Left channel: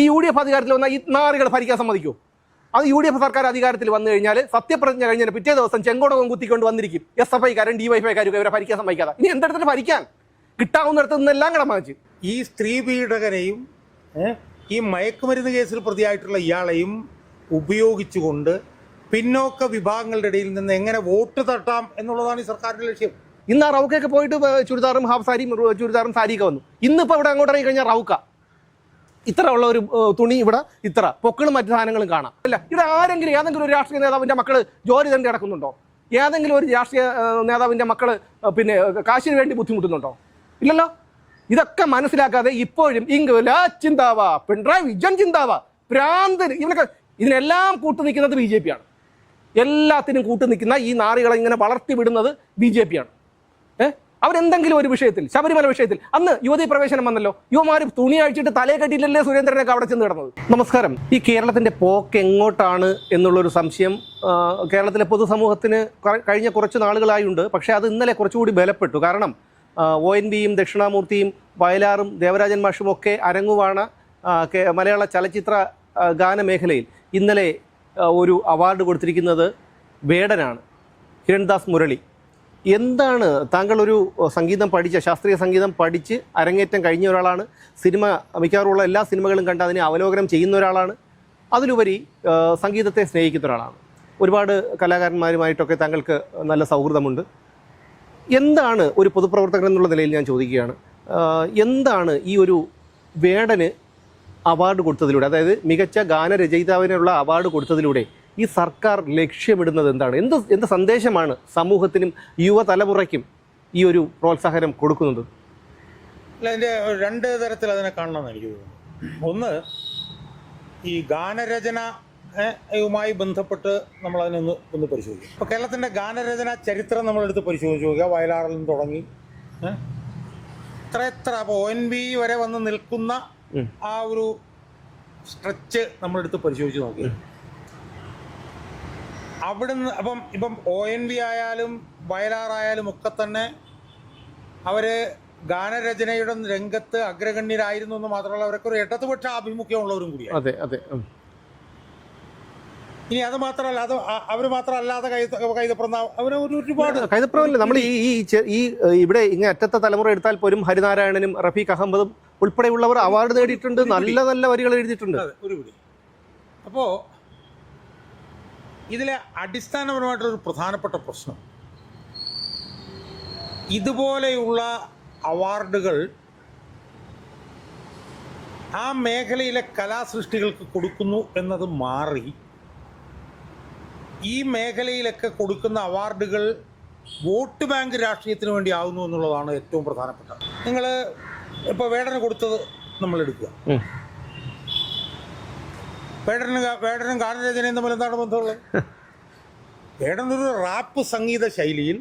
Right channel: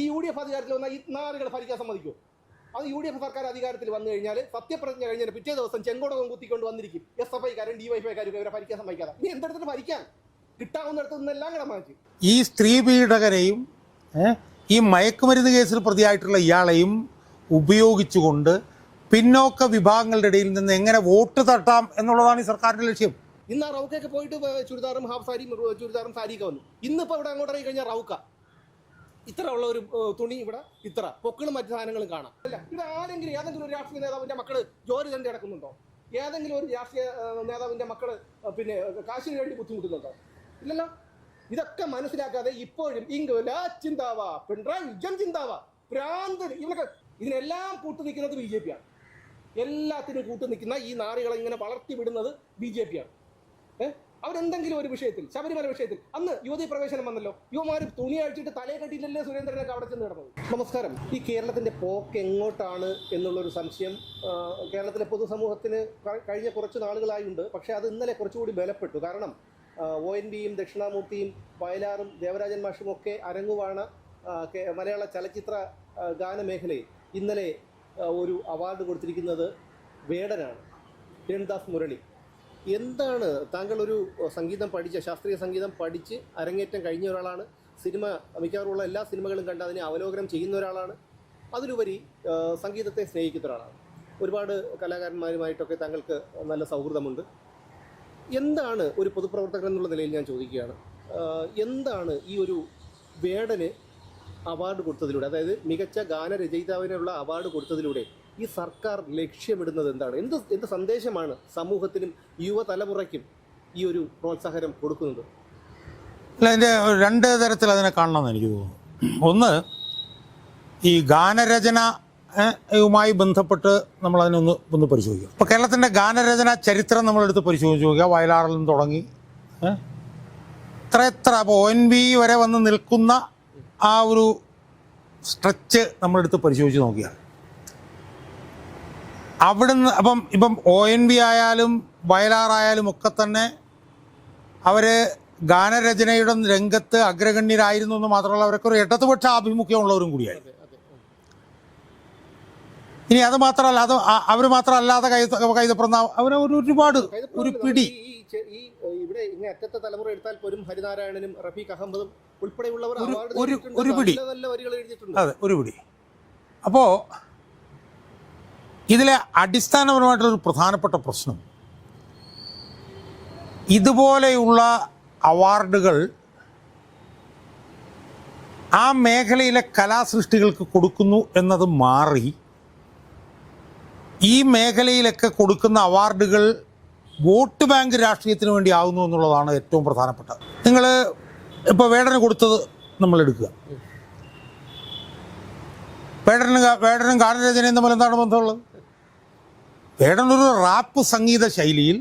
ഈ U D F അധികാരത്തിൽ വന്നാൽ ഈ നാറുകൾ ഭരിക്കാൻ സമ്മതിക്കൂ? അത് യു ഡി എഫ് സർക്കാർ അധികാരത്തിൽ വന്നു കഴിഞ്ഞാൽ സത്യപ്രതിജ്ഞ കഴിഞ്ഞാൽ പിറ്റേ ദിവസം ചെങ്കോടകം കുത്തിക്കൊണ്ട് വന്നിരിക്കും. എസ് എഫ് ഐക്കാരും ഡി വൈ കാരും ഇവരെ ഭരിക്കാൻ സമ്മതിക്കാതെ. ഇനി എന്തെടുത്തിട്ട് ഭരിക്കാൻ? കിട്ടാവുന്നിടത്ത് നിന്നെല്ലാം കടം വാങ്ങിച്ചു. ഈ സ്ത്രീ പീഡകനെയും ഈ മയക്കുമരുന്ന് കേസിൽ പ്രതിയായിട്ടുള്ള ഇയാളെയും ഉപയോഗിച്ചുകൊണ്ട് പിന്നോക്ക വിഭാഗങ്ങളുടെ ഇടയിൽ നിന്ന് എങ്ങനെ വോട്ട് തട്ടാം എന്നുള്ളതാണ് ഈ സർക്കാരിന്റെ ലക്ഷ്യം? ഇന്ന് ആ റൗക്കൊക്കെ പോയിട്ട് ചുരിദാറും ഹാഫ് സാരിയും ചുരിദാറും സാരിയൊക്കെ വന്നു. ഇന്നിപ്പോ ഇവിടെ അങ്ങോട്ട് ഇറങ്ങി കഴിഞ്ഞാൽ റൗക്ക. ഇത്ര ഉള്ള ഒരു തുണി ഇവിടെ ഇത്ര. പൊക്കളും മറ്റു സാധനങ്ങളും കാണാം. അല്ല ഇവിടെ ആരെങ്കിലും ഏതെങ്കിലും ഒരു രാഷ്ട്രീയ നേതാവിന്റെ മക്കൾ ജോലി തന്നെ കിടക്കുന്നുണ്ടോ ഏതെങ്കിലും ഒരു രാഷ്ട്രീയ നേതാവിന്റെ മക്കൾ പിന്നെ കാശിന് വേണ്ടി ബുദ്ധിമുട്ടുന്നുണ്ടോ? ഇല്ലല്ലോ? ഇതൊക്കെ മനസ്സിലാക്കാതെ ഇപ്പോഴും ഇംഗ്ല ചിന്താവ പിണറായി വിജയൻ ചിന്താവ ഭ്രാന്തൻ ഇവനൊക്കെ ഇതിനെല്ലാം കൂട്ടു നിൽക്കുന്നത് ബി ജെ പി ആണ്. എല്ലാത്തിനും കൂട്ടു നിൽക്കുന്ന ഈ നാറികളെ ഇങ്ങനെ വളർത്തി വിടുന്നത് ബി ജെ പി ആണ്. ഏഹ് അവരെന്തെങ്കിലും ഒരു വിഷയത്തിൽ ശബരിമല വിഷയത്തിൽ അന്ന് യുവതി പ്രവേശനം വന്നല്ലോ. യുവമാർ തുണി അഴിച്ചിട്ട് തലയെ കെട്ടിയില്ലല്ലേ സുരേന്ദ്രനൊക്കെ അവിടെ ചെന്ന് കിടന്നത്? നമസ്കാരം. ഈ കേരളത്തിന്റെ പോക്ക് എങ്ങോട്ടാണ് എന്നുള്ളൊരു സംശയം കേരളത്തിലെ പൊതുസമൂഹത്തിന് കഴിഞ്ഞ കുറച്ച് നാളുകളായുണ്ട്. പക്ഷേ അത് ഇന്നലെ കുറച്ചുകൂടി ബലപ്പെട്ടു. കാരണം ഒ എൻ ബിയും ദക്ഷിണാമൂർത്തിയും വയലാറും ദേവരാജൻ മാഷും ഒക്കെ അരങ്ങുവാണ് മലയാള ചലച്ചിത്ര ഗാന ഗാനമേഖലയിൽ ഇന്നലെ ഒരു അവാർഡ് കൊടുത്തിരിക്കുന്നത് വേടനാണ്. കിരൺദാസ് മുരളി. എന്താണ് താങ്കൾ ഒരു സംഗീതം പഠിച്ച ശാസ്ത്രീയ സംഗീതം പഠിച്ച് അരങ്ങേറ്റം കഴിഞ്ഞ ഒരാളാണ് സിനിമ മിക്കവാറുള്ള എല്ലാ സിനിമകളും കണ്ട് അതിനെ അവലോകനം ചെയ്യുന്ന ഒരാളാണ് അതിലുപരി സംഗീതത്തെ സ്നേഹിക്കുന്ന ഒരാളാണ്. ഒരുപാട് കലാകാരന്മാരുമായിട്ടൊക്കെ താങ്കൾക്ക് നല്ല സൗഹൃദമുണ്ട്. എന്താണ് ഒരു പൊതുപ്രവർത്തകൻ എന്നുള്ള നിലയിൽ ഞാൻ ചോദിക്കുകയാണ്. എന്താണ് ഈ ഒരു വേടന് അവാർഡ് കൊടുത്തതിലൂടെ അതായത് മികച്ച ഗാനരചയിതാവിനുള്ള അവാർഡ് കൊടുത്തതിലൂടെ ഈ സർക്കാർ ലക്ഷ്യമിടുന്നത് എന്താണ്? എന്ത് എന്ത് സന്ദേശമാണ് സമൂഹത്തിനും യുവതലമുറയ്ക്കും ഈ ഒരു പ്രോത്സാഹനം കൊടുക്കുന്നത്? അല്ല ഇതിന്റെ രണ്ട് തരത്തിൽ അതിനെ കാണണമെന്ന് എനിക്ക് തോന്നുന്നു. ഒന്ന് ഈ ഗാനരചന യുമായി ബന്ധപ്പെട്ട് നമ്മൾ അതിനൊന്ന് ഒന്ന് പരിശോധിക്കാം. ഇപ്പോൾ കേരളത്തിന്റെ ഗാനരചന ചരിത്രം നമ്മളെടുത്ത് പരിശോധിച്ച് നോക്കുക വയലാറിൽ നിന്ന് തുടങ്ങി എത്ര എത്ര അപ്പോൾ ഒ എൻ ബി വരെ വന്ന് നിൽക്കുന്ന ആ ഒരു സ്ട്രെച്ച് നമ്മളെടുത്ത് പരിശോധിച്ച് നോക്കിയാൽ അവിടുന്ന് അപ്പം ഇപ്പം ഒ എൻ വി ആയാലും വയലാറായാലും ഒക്കെ തന്നെ അവർ ഗാനരചനയുടെ രംഗത്ത് അഗ്രഗണ്യരായിരുന്നു എന്ന് മാത്രമല്ല അവരൊക്കെ ഒരു ഇടതുപക്ഷ ആഭിമുഖ്യമുള്ളവരും കൂടിയാണ് അതെ അതെ ഇനി അത് മാത്രമല്ല അത് അവർ മാത്രമല്ലാതെ കൈതപ്രന്ന അവർ ഒരുപാട് കൈതപ്രവല്ല നമ്മൾ ഈ ഈ ഇവിടെ ഇങ്ങനെ അറ്റത്തെ തലമുറ എടുത്താൽ പോലും ഹരിനാരായണനും റഫീഖ് അഹമ്മദും ഉൾപ്പെടെയുള്ളവർ അവാർഡ് നേടിയിട്ടുണ്ട് നല്ല നല്ല വരികൾ എഴുതിയിട്ടുണ്ട്. അതെ ഒരു പിടി. അപ്പോൾ ഇതിലെ അടിസ്ഥാനപരമായിട്ടൊരു പ്രധാനപ്പെട്ട പ്രശ്നം. ഇതുപോലെയുള്ള അവാർഡുകൾ ആ മേഖലയിലെ കലാസൃഷ്ടികൾക്ക് കൊടുക്കുന്നു എന്നത് മാറി ഈ മേഖലയിലൊക്കെ കൊടുക്കുന്ന അവാർഡുകൾ വോട്ട് ബാങ്ക് രാഷ്ട്രീയത്തിന് വേണ്ടി ആകുന്നു എന്നുള്ളതാണ് ഏറ്റവും പ്രധാനപ്പെട്ടത്. നിങ്ങൾ ഇപ്പോൾ വേടന് കൊടുത്തത് നമ്മൾ എടുക്കുക. വേടനും പേടനും വേടനും ഗാനരചനയും തമ്മിൽ എന്താണ് ബന്ധമുള്ളത്? പേടനൊരു റാപ്പ് സംഗീത ശൈലിയിൽ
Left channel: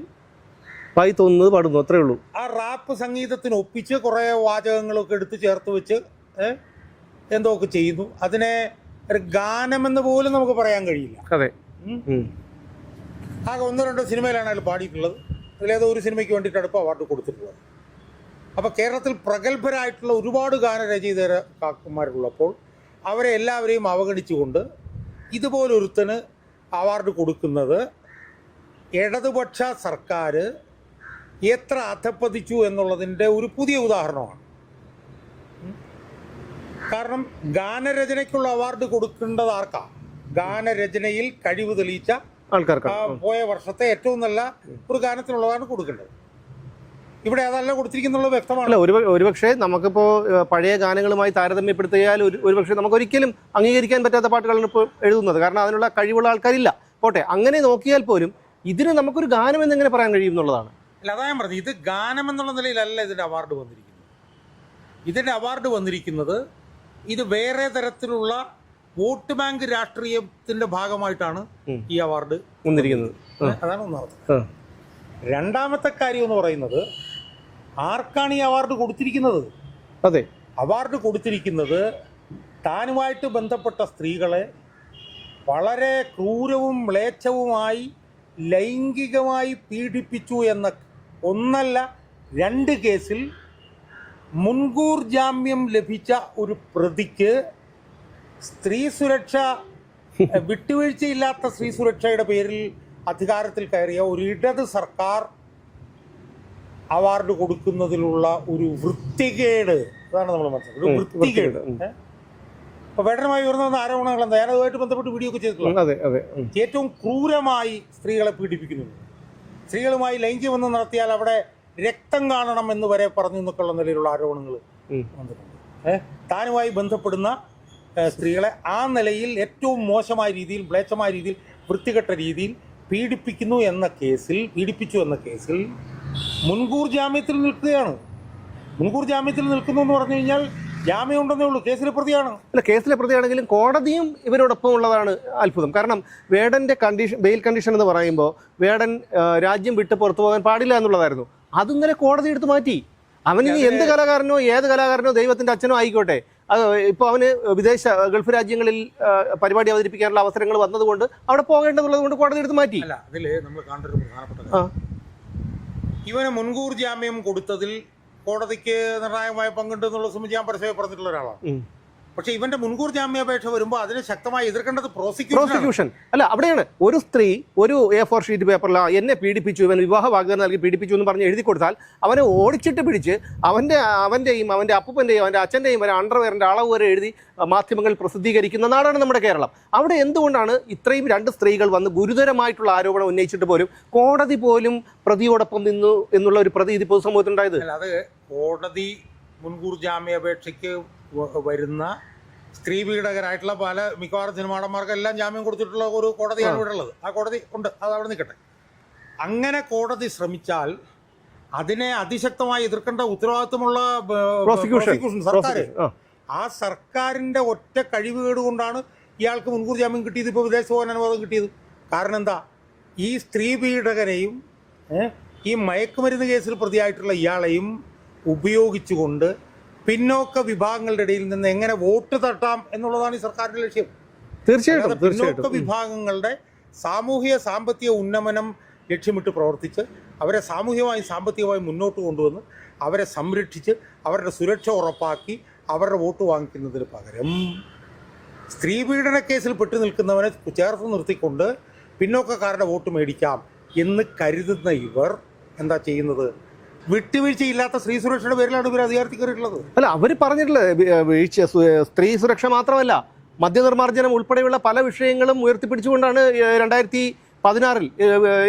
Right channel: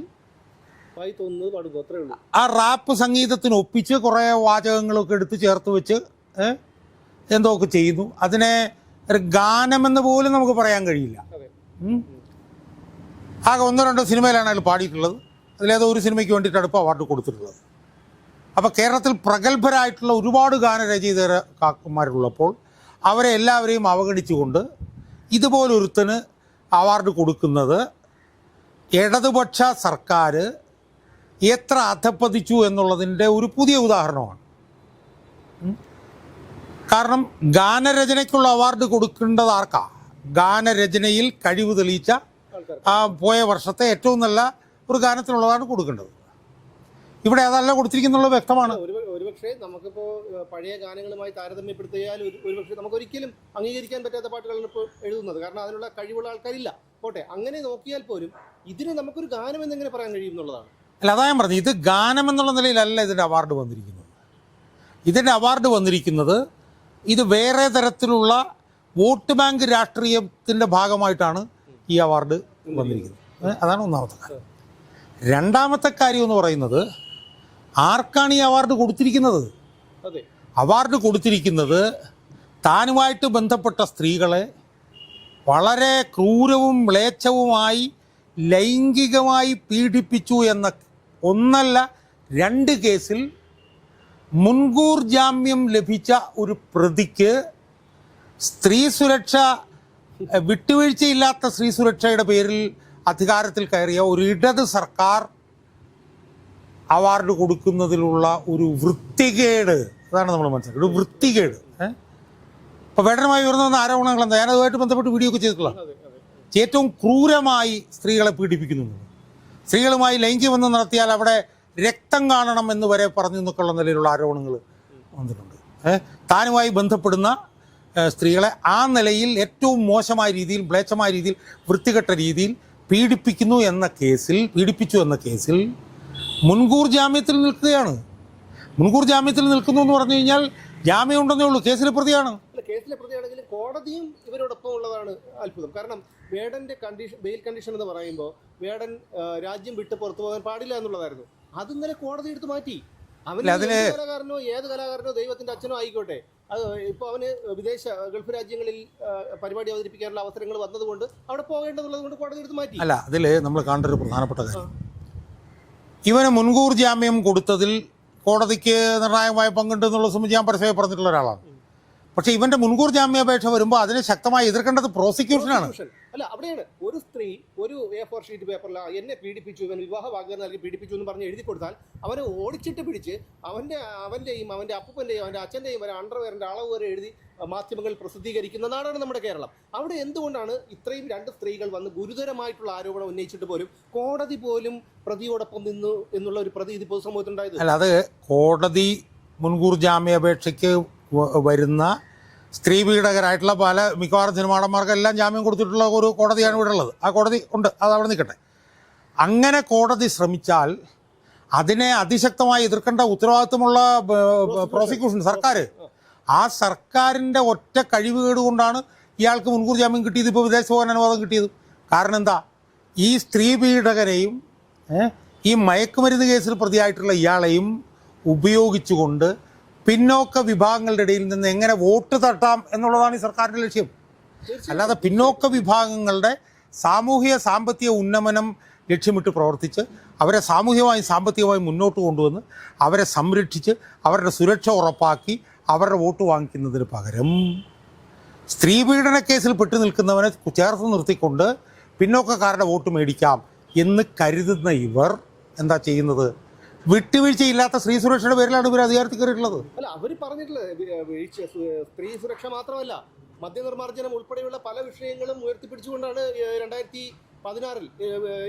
വായി തോന്നുന്നത് പാടുന്നു അത്രേ ഉള്ളൂ. ആ റാപ്പ് സംഗീതത്തിന് ഒപ്പിച്ച് കുറേ വാചകങ്ങളൊക്കെ എടുത്ത് ചേർത്ത് വെച്ച് എന്തോ ഒക്കെ ചെയ്യുന്നു. അതിനെ ഒരു ഗാനമെന്ന് പോലും നമുക്ക് പറയാൻ കഴിയില്ല. അതെ. ആകെ ഒന്നോ രണ്ടോ സിനിമയിലാണ് അയാൾ പാടിയിട്ടുള്ളത്. അതിലേതോ ഒരു സിനിമയ്ക്ക് വേണ്ടിയിട്ടാണ് ഇപ്പോൾ അവാർഡ് കൊടുത്തിട്ടുള്ളത്. അപ്പോൾ കേരളത്തിൽ പ്രഗത്ഭരായിട്ടുള്ള ഒരുപാട് ഗാനരചയിതാക്കന്മാരുള്ളപ്പോൾ അവരെ എല്ലാവരെയും അവഗണിച്ചുകൊണ്ട് ഇതുപോലൊരുത്തന് അവാർഡ് കൊടുക്കുന്നത് ഇടതുപക്ഷ സർക്കാർ എത്ര അധപ്പതിച്ചു എന്നുള്ളതിന്റെ ഒരു പുതിയ ഉദാഹരണമാണ്. കാരണം ഗാനരചനയ്ക്കുള്ള അവാർഡ് കൊടുക്കേണ്ടത് ആർക്കാ? ഗാനരചനയിൽ കഴിവ് തെളിയിച്ച ആൾക്കാർക്ക്. ആ പോയ വർഷത്തെ ഏറ്റവും നല്ല ഒരു ഗാനത്തിനുള്ളതാണ് കൊടുക്കേണ്ടത്. ഇവിടെ അതല്ല കൊടുത്തിരിക്കുന്നുള്ള വ്യക്തമാണ്. ഒരു ഒരുപക്ഷെ നമുക്കിപ്പോ പഴയ ഗാനങ്ങളുമായി താരതമ്യപ്പെടുത്തിയാൽ ഒരു ഒരുപക്ഷെ നമുക്ക് ഒരിക്കലും അംഗീകരിക്കാൻ പറ്റാത്ത പാട്ടുകളാണ് ഇപ്പോൾ എഴുതുന്നത്. കാരണം അതിനുള്ള കഴിവുള്ള ആൾക്കാരില്ല. പോട്ടെ അങ്ങനെ നോക്കിയാൽ പോലും ഇതിന് നമുക്കൊരു ഗാനം എന്നെങ്ങനെ പറയാൻ കഴിയും എന്നുള്ളതാണ് അല്ല അതാ ഞാൻ പറഞ്ഞു ഇത് ഗാനം എന്നുള്ള നിലയിലല്ല ഇതിന്റെ അവാർഡ് വന്നിരിക്കുന്നത്. ഇതിന്റെ അവാർഡ് വന്നിരിക്കുന്നത് ഇത് വേറെ തരത്തിലുള്ള വോട്ട് ബാങ്ക് രാഷ്ട്രീയത്തിന്റെ ഭാഗമായിട്ടാണ് ഈ അവാർഡ് വന്നിരിക്കുന്നത്. അതാണ് ഒന്നാമത്തെ. രണ്ടാമത്തെ കാര്യം എന്ന് പറയുന്നത് ആർക്കാണ് ഈ അവാർഡ് കൊടുത്തിരിക്കുന്നത്? അതെ. അവാർഡ് കൊടുത്തിരിക്കുന്നത് താനുമായിട്ട് ബന്ധപ്പെട്ട സ്ത്രീകളെ വളരെ ക്രൂരവും മ്ലേച്ഛവുമായി ലൈംഗികമായി പീഡിപ്പിച്ചു എന്ന ഒന്നല്ല രണ്ട് കേസിൽ മുൻകൂർ ജാമ്യം ലഭിച്ച ഒരു പ്രതിക്ക് സ്ത്രീ സുരക്ഷ വിട്ടുവീഴ്ചയില്ലാത്ത സ്ത്രീ സുരക്ഷയുടെ പേരിൽ അധികാരത്തിൽ കയറിയ ഒരു ഇടത് സർക്കാർ അവാർഡ് കൊടുക്കുന്നതിലുള്ള ഒരു വൃത്തികേട്. അതാണ് നമ്മൾ മനസ്സിലാക്കുന്നത്. ഒരു വൃത്തികേട്? അപ്പൊ വേടനുമായി ഉയർന്നു വന്ന ആരോപണങ്ങൾ എന്താ ഞാൻ അതുമായിട്ട് ബന്ധപ്പെട്ട് വീഡിയോ ഒക്കെ ചെയ്തിട്ടുള്ളത്. ഏറ്റവും ക്രൂരമായി സ്ത്രീകളെ പീഡിപ്പിക്കുന്നു. സ്ത്രീകളുമായി ലൈംഗികബന്ധം നടത്തിയാൽ അവിടെ രക്തം കാണണം എന്ന് വരെ പറഞ്ഞു എന്നൊക്കെയുള്ള നിലയിലുള്ള ആരോപണങ്ങൾ വന്നിട്ടുണ്ട്. താനുമായി ബന്ധപ്പെടുന്ന സ്ത്രീകളെ ആ നിലയിൽ ഏറ്റവും മോശമായ രീതിയിൽ ബ്ലേച്ചമായ രീതിയിൽ വൃത്തികെട്ട രീതിയിൽ പീഡിപ്പിക്കുന്നു എന്ന കേസിൽ പീഡിപ്പിച്ചു എന്ന കേസിൽ മുൻകൂർ ജാമ്യത്തിൽ നിൽക്കുകയാണ്. മുൻകൂർ ജാമ്യത്തിൽ നിൽക്കുന്നു എന്ന് പറഞ്ഞു കഴിഞ്ഞാൽ ജാമ്യം ഉണ്ടെന്നേ ഉള്ളൂ. കേസിലെ പ്രതിയാണ്. അല്ല കേസിലെ പ്രതിയാണെങ്കിലും കോടതിയും ഇവരോടൊപ്പം ഉള്ളതാണ് അത്ഭുതം. കാരണം വേടന്റെ കണ്ടീഷൻ ബെയിൽ കണ്ടീഷൻ എന്ന് പറയുമ്പോൾ വേടൻ രാജ്യം വിട്ട് പുറത്തു പോകാൻ പാടില്ല എന്നുള്ളതായിരുന്നു. അത് ഇന്നലെ കോടതി എടുത്തു മാറ്റി. അവന് എന്ത് കലാകാരനോ ഏത് കലാകാരനോ ദൈവത്തിന്റെ അച്ഛനോ ആയിക്കോട്ടെ. അത് ഇപ്പൊ അവന് വിദേശ ഗൾഫ് രാജ്യങ്ങളിൽ പരിപാടി അവതരിപ്പിക്കാനുള്ള അവസരങ്ങൾ വന്നതുകൊണ്ട് അവിടെ പോകേണ്ടതുള്ളത് കൊണ്ട് കോടതി എടുത്ത് മാറ്റി. അല്ല അതിൽ നമ്മൾ കാണേണ്ട ഒരു പ്രധാനപ്പെട്ട കാര്യം. ഇവന് മുൻകൂർ ജാമ്യം കൊടുത്തതിൽ കോടതിക്ക് നിർണായകമായ പങ്കുണ്ട് എന്നുള്ള സംബന്ധിച്ച് ഞാൻ പരസ്യമായി പറഞ്ഞിട്ടുള്ള ഒരാളാണ്. പക്ഷെ ഇവന്റെ മുൻകൂർ ജാമ്യാപേക്ഷ വരുമ്പോൾ അതിനെ ശക്തമായി എതിർക്കേണ്ടത് പ്രോസിക്യൂഷൻ അല്ല അവിടെയാണ് ഒരു സ്ത്രീ ഒരു എ ഫോർ ഷീറ്റ് പേപ്പറിൽ എന്നെ പീഡിപ്പിച്ചു ഇവൻ വിവാഹ വാഗ്ദാനം നൽകി പീഡിപ്പിച്ചു എന്ന് പറഞ്ഞ് എഴുതി കൊടുത്താൽ അവനെ ഓടിച്ചിട്ട് പിടിച്ച് അവന്റെ അവന്റെയും അവന്റെ അപ്പൂപ്പന്റെയും അവന്റെ അച്ഛന്റെയും വരെ അണ്ടർവെയറിന്റെ അളവ് വരെ എഴുതി മാധ്യമങ്ങൾ പ്രസിദ്ധീകരിക്കുന്ന നാടാണ് നമ്മുടെ കേരളം. അവിടെ എന്തുകൊണ്ടാണ് ഇത്രയും രണ്ട് സ്ത്രീകൾ വന്ന് ഗുരുതരമായിട്ടുള്ള ആരോപണം ഉന്നയിച്ചിട്ട് പോലും കോടതി പോലും പ്രതിയോടൊപ്പം നിന്നു എന്നുള്ള ഒരു പ്രതി പ്രതീതി പൊതുസമൂഹത്തിനുണ്ടായത് അല്ല അത് കോടതി മുൻകൂർ ജാമ്യാപേക്ഷയ്ക്ക് വരുന്ന സ്ത്രീ പീഡകരായിട്ടുള്ള പല മിക്കവാറും സിനിമാടന്മാർക്കെല്ലാം ജാമ്യം കൊടുത്തിട്ടുള്ള ഒരു കോടതിയാണ് ഇവിടെ ഉള്ളത് ആ കോടതി ഉണ്ട്. അത് അവിടെ നിൽക്കട്ടെ. അങ്ങനെ കോടതി ശ്രമിച്ചാൽ അതിനെ അതിശക്തമായി എതിർക്കേണ്ട ഉത്തരവാദിത്വമുള്ള പ്രോസിക്യൂഷൻ സർക്കാർ ആ. സർക്കാരിന്റെ ഒറ്റ കഴിവുകേട് കൊണ്ടാണ് ഇയാൾക്ക് മുൻകൂർ ജാമ്യം കിട്ടിയത്. ഇപ്പോൾ വിദേശ പോകാൻ അനുവാദം കിട്ടിയത്. കാരണം എന്താ? ഈ സ്ത്രീ പീഡകനെയും ഈ മയക്കുമരുന്ന് കേസിൽ പ്രതിയായിട്ടുള്ള ഇയാളെയും ഉപയോഗിച്ചുകൊണ്ട് പിന്നോക്ക വിഭാഗങ്ങളുടെ ഇടയിൽ നിന്ന് എങ്ങനെ വോട്ട് തട്ടാം എന്നുള്ളതാണ് ഈ സർക്കാരിന്റെ ലക്ഷ്യം. തീർച്ചയായും പിന്നോക്ക വിഭാഗങ്ങളുടെ സാമൂഹിക സാമ്പത്തിക ഉന്നമനം ലക്ഷ്യമിട്ട് പ്രവർത്തിച്ച് അവരെ സാമൂഹികമായി സാമ്പത്തികമായി മുന്നോട്ട് കൊണ്ടുവന്ന് അവരെ സംരക്ഷിച്ച് അവരുടെ സുരക്ഷ ഉറപ്പാക്കി അവരുടെ വോട്ട് വാങ്ങിക്കുന്നതിന് പകരം സ്ത്രീ പീഡന കേസിൽ പെട്ടു നിൽക്കുന്നവനെ ചേർത്ത് നിർത്തിക്കൊണ്ട് പിന്നോക്കക്കാരുടെ വോട്ട് മേടിക്കാം എന്ന് കരുതുന്ന ഇവർ എന്താ ചെയ്യുന്നത്? വിട്ടുവീഴ്ചയില്ലാത്ത സ്ത്രീ സുരക്ഷയുടെ പേരിലാണ് ഇവർ അധികാരത്തിൽ കയറിയിട്ടുള്ളത്. അല്ല അവർ പറഞ്ഞിട്ടില്ല വീഴ്ച സ്ത്രീ സുരക്ഷ മാത്രമല്ല മദ്യനിർമ്മാർജനം ഉൾപ്പെടെയുള്ള പല വിഷയങ്ങളും ഉയർത്തിപ്പിടിച്ചുകൊണ്ടാണ് രണ്ടായിരത്തി പതിനാറിൽ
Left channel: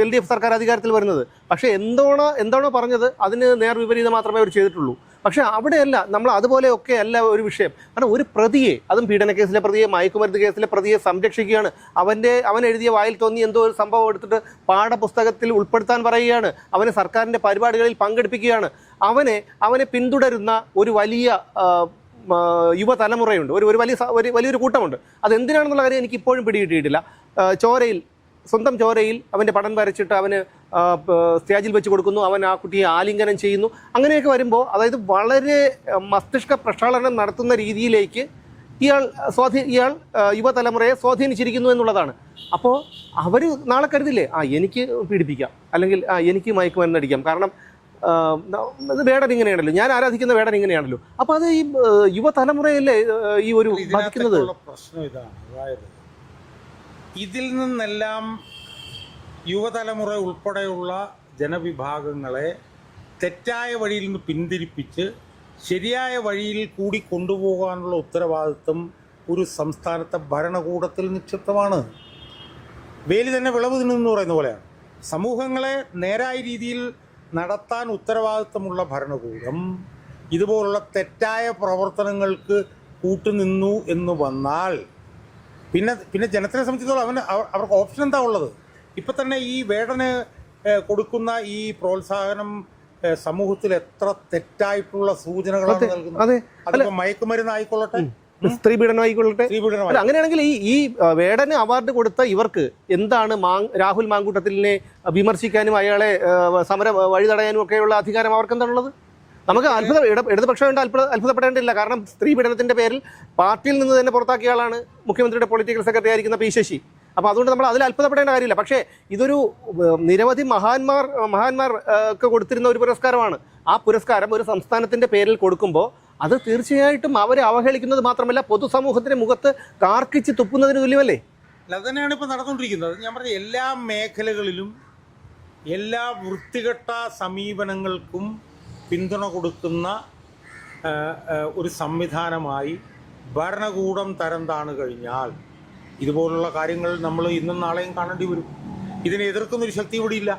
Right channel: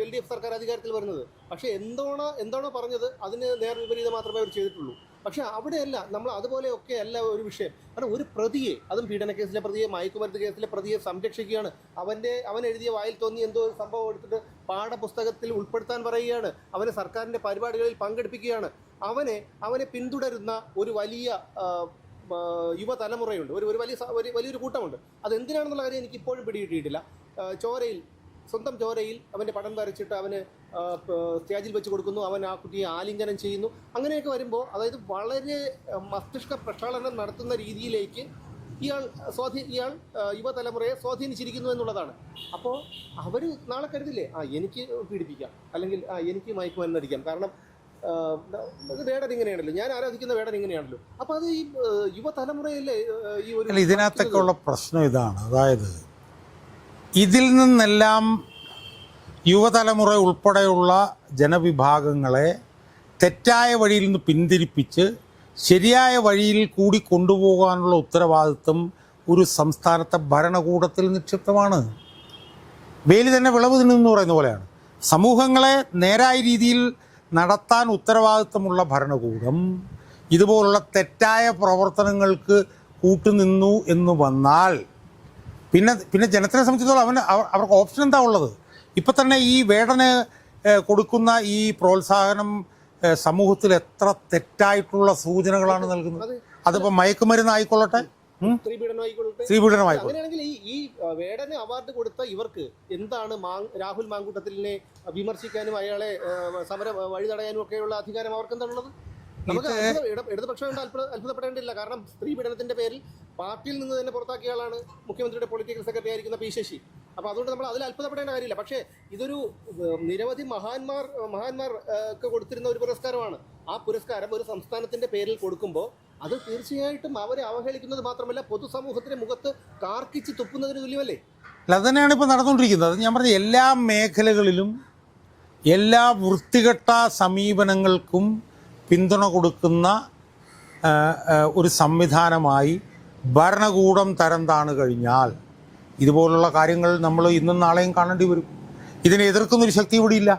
എൽ ഡി എഫ് സർക്കാർ അധികാരത്തിൽ വരുന്നത്. പക്ഷേ എന്തോണോ എന്താണോ പറഞ്ഞത് അതിന് നേർ വിപരീതം മാത്രമേ അവർ ചെയ്തിട്ടുള്ളൂ. പക്ഷേ അവിടെയല്ല നമ്മൾ അതുപോലെയൊക്കെ അല്ല ഒരു വിഷയം. കാരണം ഒരു പ്രതിയെ അതും പീഡന കേസിലെ പ്രതിയെ മയക്കുമരുന്ന് കേസിലെ പ്രതിയെ സംരക്ഷിക്കുകയാണ്. അവന്റെ അവൻ എഴുതിയ വായിൽ തോന്നി എന്തോ ഒരു സംഭവം എടുത്തിട്ട് പാഠപുസ്തകത്തിൽ ഉൾപ്പെടുത്താൻ പറയുകയാണ്. അവനെ സർക്കാരിന്റെ പരിപാടികളിൽ പങ്കെടുപ്പിക്കുകയാണ്. അവനെ അവനെ പിന്തുടരുന്ന ഒരു വലിയ യുവതലമുറയുണ്ട്. ഒരു ഒരു വലിയ ഒരു വലിയൊരു കൂട്ടമുണ്ട്. അത് എന്തിനാണെന്നുള്ള കാര്യം എനിക്ക് ഇപ്പോഴും പിടികിട്ടിയിട്ടില്ല ചോരയിൽ സ്വന്തം ചോരയിൽ അവന്റെ പടം വരച്ചിട്ട് അവന് സ്റ്റേജിൽ വെച്ച് കൊടുക്കുന്നു. അവൻ ആ കുട്ടിയെ ആലിംഗനം ചെയ്യുന്നു. അങ്ങനെയൊക്കെ വരുമ്പോൾ അതായത് വളരെ മസ്തിഷ്ക പ്രക്ഷാളനം നടത്തുന്ന രീതിയിലേക്ക് ഇയാൾ സ്വാധീ ഇയാൾ യുവതലമുറയെ സ്വാധീനിച്ചിരിക്കുന്നു എന്നുള്ളതാണ്. അപ്പോൾ അവർ നാളെ കരുതില്ലേ? ആ എനിക്ക് പീഡിപ്പിക്കാം. അല്ലെങ്കിൽ ആ എനിക്ക് മയക്കുമരുന്ന് അടിക്കാം. കാരണം വേടൻ ഇങ്ങനെയാണല്ലോ. ഞാൻ ആരാധിക്കുന്ന വേടൻ ഇങ്ങനെയാണല്ലോ. അപ്പോൾ അത് ഈ യുവതലമുറയല്ലേ ഈ ഒരു പ്രശ്നം ഇതാണ്. അതായത് ഇതിൽ നിന്നെല്ലാം യുവതലമുറ ഉൾപ്പെടെയുള്ള ജനവിഭാഗങ്ങളെ തെറ്റായ വഴിയിൽ നിന്ന് പിന്തിരിപ്പിച്ച് ശരിയായ വഴിയിൽ കൂടി കൊണ്ടുപോകാനുള്ള ഉത്തരവാദിത്വം ഒരു സംസ്ഥാനത്തെ ഭരണകൂടത്തിൽ നിക്ഷിപ്തമാണ്. വേലി തന്നെ വിളവ് തിന്നെന്ന് പറയുന്ന പോലെയാണ്. സമൂഹങ്ങളെ നേരായ രീതിയിൽ നടത്താൻ ഉത്തരവാദിത്വമുള്ള ഭരണകൂടം ഇതുപോലുള്ള തെറ്റായ പ്രവർത്തനങ്ങൾക്ക് കൂട്ടുനിന്നു എന്ന് വന്നാൽ പിന്നെ പിന്നെ ജനത്തിനെ സംബന്ധിച്ചിടത്തോളം അവന് അവർക്ക് ഓപ്ഷൻ എന്താ ഉള്ളത്? ഇപ്പൊ തന്നെ ഈ വേടന് കൊടുക്കുന്ന ഈ പ്രോത്സാഹനം സമൂഹത്തിൽ എത്ര തെറ്റായിട്ടുള്ള സൂചനകളാണ് നൽകുന്നത്? അതെ. അതിപ്പോ മയക്കുമരുന്ന് ആയിക്കൊള്ളട്ടെ സ്ത്രീ പീഡനം ആയിക്കൊള്ളട്ടെ അങ്ങനെയാണെങ്കിൽ ഈ ഈ വേടന് അവാർഡ് കൊടുത്ത ഇവർക്ക് എന്താണ് രാഹുൽ മാങ്കൂട്ടത്തിലിനെ വിമർശിക്കാനും അയാളെ സമരം വഴി തടയാനും ഒക്കെയുള്ള അധികാരം അവർക്ക് എന്താണുള്ളത്? നമുക്ക് അത്ഭുത ഇട ഇടതുപക്ഷം കൊണ്ട് അത്ഭുത അത്ഭുതപ്പെടേണ്ടില്ല. കാരണം സ്ത്രീ പീഡനത്തിന്റെ പേരിൽ പാർട്ടിയിൽ നിന്ന് തന്നെ പുറത്താക്കിയ ആളാണ് മുഖ്യമന്ത്രിയുടെ പൊളിറ്റിക്കൽ സെക്രട്ടറി ആയിരിക്കുന്ന പി. ശശി. അപ്പോൾ അതുകൊണ്ട് നമ്മൾ അതിൽ അത്ഭുതപ്പെടേണ്ട കാര്യമില്ല. പക്ഷേ ഇതൊരു നിരവധി മഹാന്മാർ മഹാന്മാർ ഒക്കെ കൊടുത്തിരുന്ന ഒരു പുരസ്കാരമാണ്. ആ പുരസ്കാരം ഒരു സംസ്ഥാനത്തിന്റെ പേരിൽ കൊടുക്കുമ്പോൾ അത് തീർച്ചയായിട്ടും അവരെ അവഹേളിക്കുന്നത് മാത്രമല്ല പൊതുസമൂഹത്തിന്റെ മുഖത്ത് കാർക്കിച്ച് തുപ്പുന്നതിന് തുല്യമല്ലേ? അല്ല അത് തന്നെയാണ് ഇപ്പോൾ നടന്നുകൊണ്ടിരിക്കുന്നത്. ഞാൻ പറഞ്ഞ എല്ലാ മേഖലകളിലും എല്ലാ വൃത്തികെട്ട സമീപനങ്ങൾക്കും പിന്തുണ കൊടുക്കുന്ന ഒരു സംവിധാനമായി ഭരണകൂടം തരം താണ് കഴിഞ്ഞാൽ ഇതുപോലുള്ള കാര്യങ്ങൾ നമ്മൾ ഇന്നും നാളെയും കാണേണ്ടി വരും. ഇതിനെ എതിർക്കുന്നൊരു ശക്തി ഇവിടെ ഇല്ല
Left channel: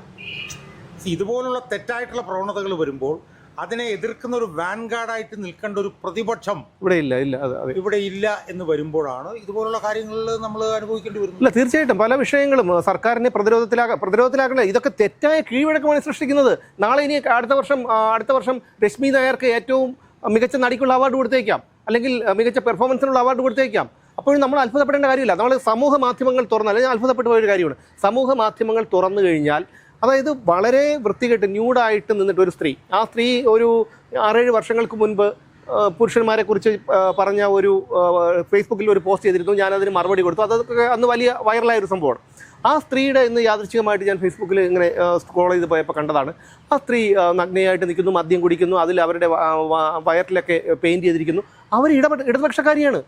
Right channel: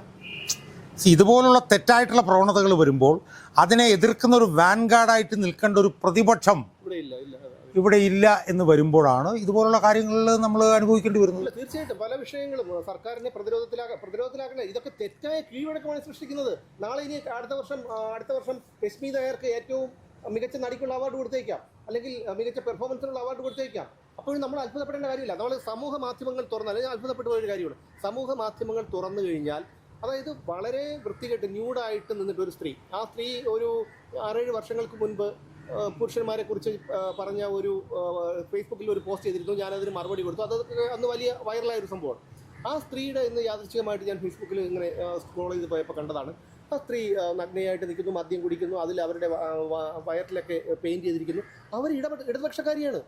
ഇതുപോലുള്ള തെറ്റായിട്ടുള്ള പ്രവണതകൾ വരുമ്പോൾ അതിനെ എതിർക്കുന്ന ഒരു വാൻഗാർഡായിട്ട് നിൽക്കേണ്ട ഒരു പ്രതിപക്ഷം ഇവിടെ ഇല്ല ഇല്ല ഇവിടെ ഇല്ല എന്ന് വരുമ്പോഴാണ് ഇതുപോലുള്ള കാര്യങ്ങളിൽ നമ്മൾ അനുഭവിക്കേണ്ടി വരുന്നത്. ഇല്ല തീർച്ചയായിട്ടും പല വിഷയങ്ങളും സർക്കാരിനെ പ്രതിരോധത്തിലാകാം പ്രതിരോധത്തിലാക്കണ ഇതൊക്കെ തെറ്റായ കീഴ്വഴക്കമാണ് സൃഷ്ടിക്കുന്നത്. നാളെ ഇനി അടുത്ത വർഷം അടുത്ത വർഷം രശ്മി നായർക്ക് ഏറ്റവും മികച്ച നടിക്കുള്ള അവാർഡ് കൊടുത്തേക്കാം. അല്ലെങ്കിൽ മികച്ച പെർഫോമൻസിനുള്ള അവാർഡ് കൊടുത്തേക്കാം. അപ്പോഴും നമ്മൾ അത്ഭുതപ്പെടേണ്ട കാര്യമില്ല. നമ്മൾ സമൂഹ മാധ്യമങ്ങൾ തുറന്നാൽ അല്ലെങ്കിൽ അത്ഭുതപ്പെട്ട ഒരു കാര്യമാണ്. സമൂഹ മാധ്യമങ്ങൾ തുറന്നു കഴിഞ്ഞാൽ അതായത് വളരെ വൃത്തികെട്ട് ന്യൂഡായിട്ട് നിന്നിട്ട് ഒരു സ്ത്രീ. ആ സ്ത്രീ ഒരു ആറേഴ് വർഷങ്ങൾക്ക് മുൻപ് പുരുഷന്മാരെ കുറിച്ച് പറഞ്ഞ ഒരു ഫേസ്ബുക്കിൽ ഒരു പോസ്റ്റ് ചെയ്തിരുന്നു. ഞാൻ അതിന് മറുപടി കൊടുത്തു. അതൊക്കെ അന്ന് വലിയ വൈറലായ ഒരു സംഭവമാണ്. ആ സ്ത്രീയുടെ ഇന്ന് യാദൃച്ഛികമായിട്ട് ഞാൻ ഫേസ്ബുക്കിൽ ഇങ്ങനെ സ്ക്രോൾ ചെയ്ത് പോയപ്പോൾ കണ്ടതാണ്. ആ സ്ത്രീ നഗ്നയായിട്ട് നിൽക്കുന്നു മദ്യം കുടിക്കുന്നു അതിൽ അവരുടെ വയറിലൊക്കെ പെയിന്റ് ചെയ്തിരിക്കുന്നു. അവർ ഇടപെട്ട ഇടതുപക്ഷക്കാരിയാണ്.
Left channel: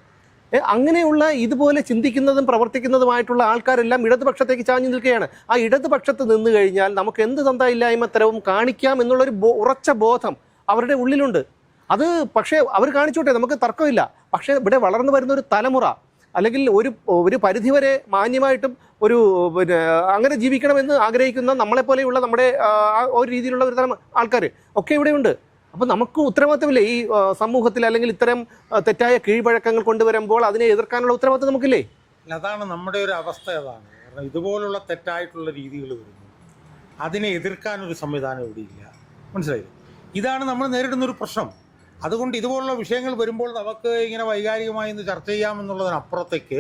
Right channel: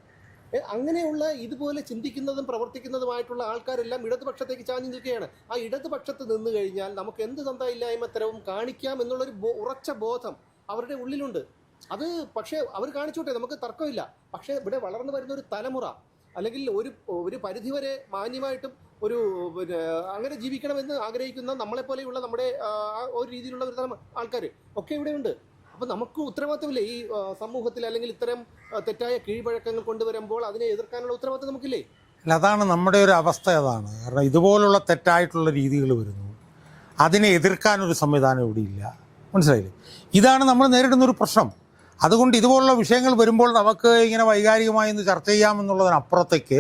അങ്ങനെയുള്ള ഇതുപോലെ ചിന്തിക്കുന്നതും പ്രവർത്തിക്കുന്നതുമായിട്ടുള്ള ആൾക്കാരെല്ലാം ഇടതുപക്ഷത്തേക്ക് ചാഞ്ഞു നിൽക്കുകയാണ്. ആ ഇടതുപക്ഷത്ത് നിന്ന് കഴിഞ്ഞാൽ നമുക്ക് എന്ത് തന്തയില്ലായ്മത്തരവും കാണിക്കാം എന്നുള്ളൊരു ഉറച്ച ബോധം അവരുടെ ഉള്ളിലുണ്ട്. അത് പക്ഷേ അവർ കാണിച്ചോട്ടെ നമുക്ക് തർക്കമില്ല. പക്ഷേ ഇവിടെ വളർന്നു വരുന്ന ഒരു തലമുറ അല്ലെങ്കിൽ ഒരു ഒരു പരിധിവരെ മാന്യമായിട്ടും ഒരു പിന്നെ അങ്ങനെ ജീവിക്കണമെന്ന് ആഗ്രഹിക്കുന്ന നമ്മളെപ്പോലെയുള്ള നമ്മുടെ ആ ഒരു രീതിയിലുള്ള ഒരു തരം ആൾക്കാർ ഒക്കെ ഇവിടെയുണ്ട്. അപ്പം നമുക്ക് ഉത്തരവാദിത്തമില്ലേ? ഈ സമൂഹത്തിൽ അല്ലെങ്കിൽ ഇത്തരം തെറ്റായ കീഴ്വഴക്കങ്ങൾ കൊണ്ടുവരുമ്പോൾ അതിനെ എതിർക്കാനുള്ള ഉത്തരവാദിത്തം നമുക്കില്ലേ? അതാണ് നമ്മുടെ ഒരു അവസ്ഥ അതാണ്. കാരണം ഇതുപോലുള്ള തെറ്റായിട്ടുള്ള രീതികൾ വരുന്നു. അതിനെ എതിർക്കാൻ ഒരു സംവിധാനം ഇല്ല. മനസ്സിലായില്ലേ? ഇതാണ് നമ്മൾ നേരിടുന്ന ഒരു പ്രശ്നം. അതുകൊണ്ട് ഇതുപോലുള്ള വിഷയങ്ങൾ വരുമ്പോൾ നമുക്ക് ഇങ്ങനെ വൈകാരികമായി ഒന്ന് ചർച്ച ചെയ്യാമെന്നുള്ളതിനപ്പുറത്തേക്ക്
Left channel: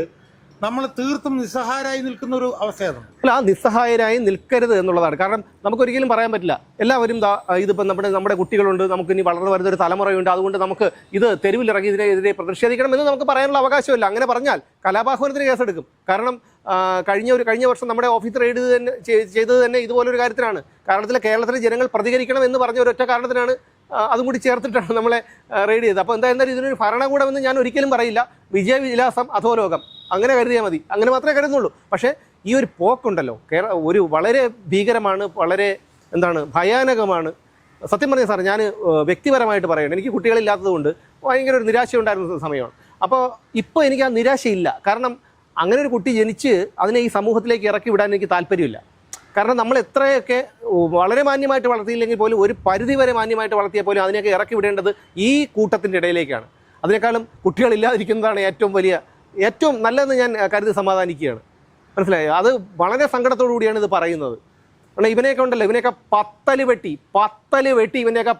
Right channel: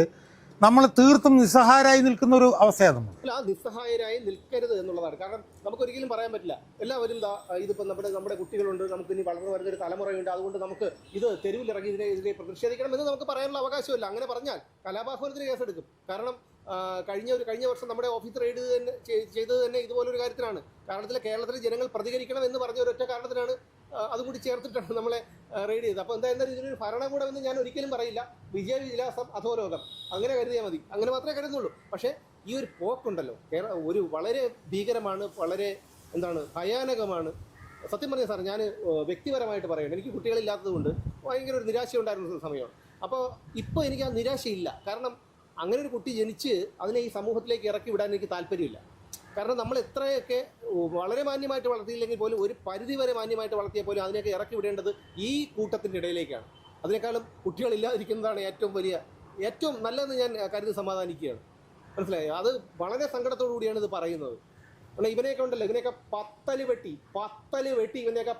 നമ്മൾ തീർത്തും നിസ്സഹായരായി നിൽക്കുന്ന ഒരു അവസ്ഥയാണ് അല്ല ആ നിസ്സഹായരായി നിൽക്കരുത് എന്നുള്ളതാണ്. കാരണം നമുക്ക് നമുക്കൊരിക്കലും പറയാൻ പറ്റില്ല. എല്ലാവരും ഇതിപ്പോൾ നമ്മുടെ നമ്മുടെ കുട്ടികളുണ്ട്. നമുക്ക് ഇനി വളർന്നു വരുന്ന ഒരു തലമുറയുണ്ട്. അതുകൊണ്ട് നമുക്ക് ഇത് തെരുവിലിറങ്ങി ഇതിനെതിരെ പ്രതിഷേധിക്കണം എന്ന് നമുക്ക് പറയാനുള്ള അവകാശമില്ല. അങ്ങനെ പറഞ്ഞാൽ കലാപാഹ്വാനത്തിന് കേസെടുക്കും. കാരണം കഴിഞ്ഞ ഒരു കഴിഞ്ഞ വർഷം നമ്മുടെ ഓഫീസ് റെയ്ഡ് തന്നെ ചെയ്- ചെയ്തത് തന്നെ ഇതുപോലൊരു കാര്യത്തിനാണ് കാരണത്തിൽ കേരളത്തിലെ ജനങ്ങൾ പ്രതികരിക്കണം എന്ന് പറഞ്ഞ ഒരൊറ്റ കാരണത്തിനാണ് അതും കൂടി ചേർത്തിട്ടാണ് നമ്മളെ റെയ്ഡ് ചെയ്തത്. അപ്പോൾ എന്താ എന്തായാലും ഇതിനൊരു ഭരണകൂടമെന്ന് ഞാൻ ഒരിക്കലും പറയില്ല. വിജയവിലാസം അധോലോകം. അങ്ങനെ കരുതിയാൽ മതി. അങ്ങനെ മാത്രമേ കരുതുന്നുള്ളൂ. പക്ഷേ ഈ ഒരു പോക്കുണ്ടല്ലോ. കേര ഒരു വളരെ ഭീകരമാണ് വളരെ എന്താണ് ഭയാനകമാണ്. സത്യം പറഞ്ഞ സാർ ഞാൻ വ്യക്തിപരമായിട്ട് പറയണം. എനിക്ക് കുട്ടികളില്ലാത്തതുകൊണ്ട് ഭയങ്കര ഒരു നിരാശ ഉണ്ടായിരുന്ന സമയമാണ്. അപ്പോൾ ഇപ്പോൾ എനിക്ക് ആ നിരാശയില്ല. കാരണം അങ്ങനെ ഒരു കുട്ടി ജനിച്ച് അതിനെ ഈ സമൂഹത്തിലേക്ക് ഇറക്കി വിടാൻ എനിക്ക് താല്പര്യമില്ല. കാരണം നമ്മൾ എത്രയൊക്കെ വളരെ മാന്യമായിട്ട് വളർത്തിയില്ലെങ്കിൽ പോലും ഒരു പരിധി വരെ മാന്യമായിട്ട് വളർത്തിയാൽ പോലും അതിനെയൊക്കെ ഇറക്കി വിടേണ്ടത് ഈ കൂട്ടത്തിന്റെ ഇടയിലേക്കാണ്. അതിനേക്കാളും കുട്ടികളില്ലാതിരിക്കുന്നതാണ് ഏറ്റവും വലിയ ഏറ്റവും നല്ലതെന്ന് ഞാൻ കരുതി സമാധാനിക്കുകയാണ്. മനസ്സിലായോ? അത് വളരെ സങ്കടത്തോടു കൂടിയാണ് ഇത് പറയുന്നത്. കാരണം ഇവനെയൊക്കെ ഉണ്ടല്ലോ ഇവനെയൊക്കെ പത്തൽ വെട്ടി പത്തൽ വെട്ടി ഇവനെയൊക്കെ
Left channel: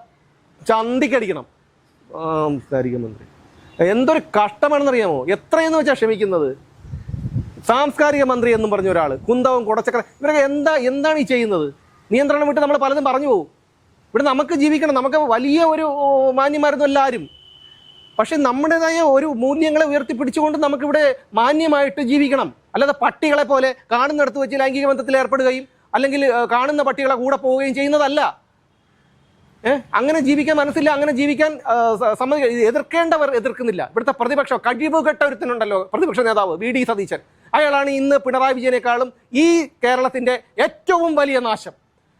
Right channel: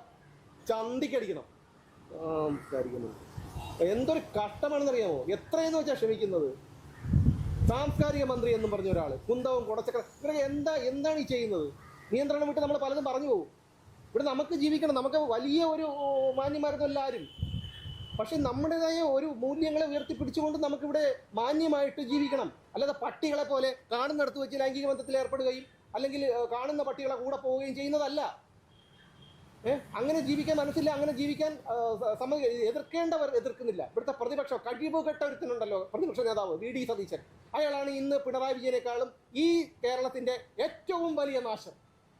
ചന്തിക്കടിക്കണം. എന്തൊരു കഷ്ടമാണെന്നറിയാമോ? എത്രയെന്ന് വെച്ചാൽ ക്ഷമിക്കുന്നത്? സാംസ്കാരിക മന്ത്രി എന്നും പറഞ്ഞ ഒരാൾ കുന്തവും കുടച്ചക്ര ഇവരൊക്കെ എന്താ എന്താണ് ഈ ചെയ്യുന്നത്? നിയന്ത്രണം വിട്ട് നമ്മൾ പലതും പറഞ്ഞു പോകും. ഇവിടെ നമുക്ക് ജീവിക്കണം. നമുക്ക് വലിയ ഒരു മാന്യമായിരുന്നു എല്ലാവരും പക്ഷെ നമ്മുടേതായ ഒരു മൂല്യങ്ങളെ ഉയർത്തിപ്പിടിച്ചുകൊണ്ട് നമുക്കിവിടെ മാന്യമായിട്ട് ജീവിക്കണം. അല്ലാതെ പട്ടികളെ പോലെ കാണുന്നിടത്ത് വെച്ച് ലൈംഗിക ബന്ധത്തിൽ ഏർപ്പെടുകയും അല്ലെങ്കിൽ കാണുന്ന പട്ടികളെ കൂടെ പോവുകയും ചെയ്യുന്നതല്ല. അങ്ങനെ ജീവിക്കാൻ മനസ്സില്ല അങ്ങനെ ജീവിക്കാൻ സമ്മതി എതിർക്കേണ്ടവർ എതിർക്കുന്നില്ല. ഇവിടുത്തെ പ്രതിപക്ഷം കഴിവ് കെട്ട ഒരുത്തനുണ്ടല്ലോ പ്രതിപക്ഷ നേതാവ് വി ഡി സതീശൻ. അയാളാണ് ഇന്ന് പിണറായി വിജയനേക്കാളും ഈ കേരളത്തിന്റെ ഏറ്റവും വലിയ നാശം.